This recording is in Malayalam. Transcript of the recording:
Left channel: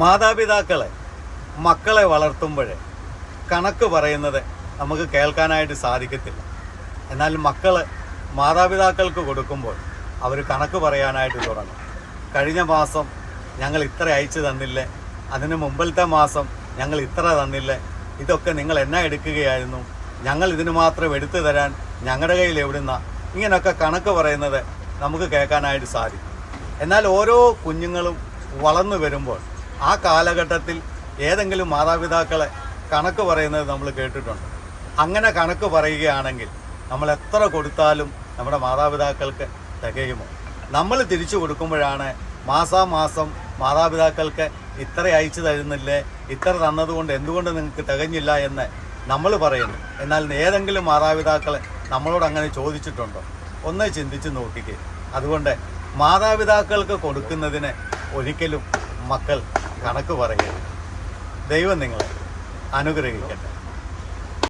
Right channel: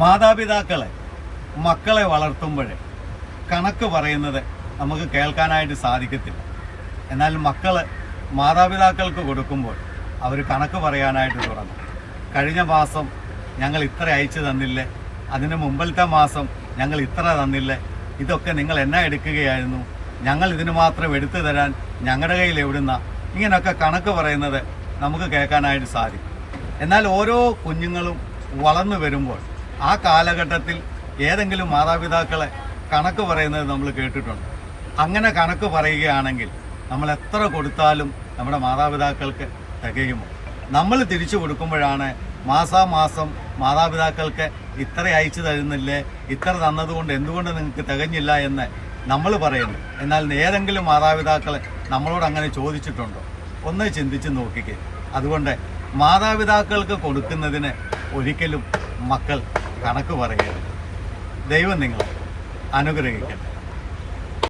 മാതാപിതാക്കൾ മക്കളെ വളർത്തുമ്പോൾ കണക്ക് പറയുന്നത് നമുക്ക് കേൾക്കാനായിട്ട് സാധിക്കത്തില്ല. എന്നാൽ മക്കൾ മാതാപിതാക്കൾക്ക് കൊടുക്കുമ്പോൾ അവർ കണക്ക് പറയാനായിട്ട് തുടങ്ങും. കഴിഞ്ഞ മാസം ഞങ്ങൾ ഇത്ര അയച്ചു തന്നില്ലേ, അതിന് മുമ്പിലത്തെ മാസം ഞങ്ങൾ ഇത്ര തന്നില്ലേ, ഇതൊക്കെ നിങ്ങൾ എന്നാ എടുക്കുകയായിരുന്നു, ഞങ്ങൾ ഇതിന് മാത്രം എടുത്തു തരാൻ ഞങ്ങളുടെ കയ്യിൽ എവിടുന്ന, ഇങ്ങനെയൊക്കെ കണക്ക് പറയുന്നത് നമുക്ക് കേൾക്കാനായിട്ട് സാധിക്കും. എന്നാൽ ഓരോ കുഞ്ഞുങ്ങളും വളർന്നു വരുമ്പോൾ ആ കാലഘട്ടത്തിൽ ഏതെങ്കിലും മാതാപിതാക്കളെ കണക്ക് പറയുന്നത് നമ്മൾ കേട്ടിട്ടുണ്ട്. അങ്ങനെ കണക്ക് പറയുകയാണെങ്കിൽ നമ്മൾ എത്ര കൊടുത്താലും നമ്മുടെ മാതാപിതാക്കൾക്ക് തികയുമോ? നമ്മൾ തിരിച്ചു കൊടുക്കുമ്പോഴാണ് മാസാമാസം മാതാപിതാക്കൾക്ക് ഇത്ര അയച്ചു തരുന്നില്ലേ, ഇത്ര തന്നതുകൊണ്ട് എന്തുകൊണ്ട് നിങ്ങൾക്ക് തികഞ്ഞില്ല എന്ന് നമ്മൾ പറയുന്നു. എന്നാൽ ഏതെങ്കിലും മാതാപിതാക്കളെ നമ്മളോട് അങ്ങനെ ചോദിച്ചിട്ടുണ്ടോ? ഒന്ന് ചിന്തിച്ച് നോക്കിക്കേ. അതുകൊണ്ട് മാതാപിതാക്കൾക്ക് കൊടുക്കുന്നതിന് ഒരിക്കലും മക്കൾ കണക്ക് പറയരുത്. ദൈവം നിങ്ങളെ അനുഗ്രഹിക്കട്ടെ.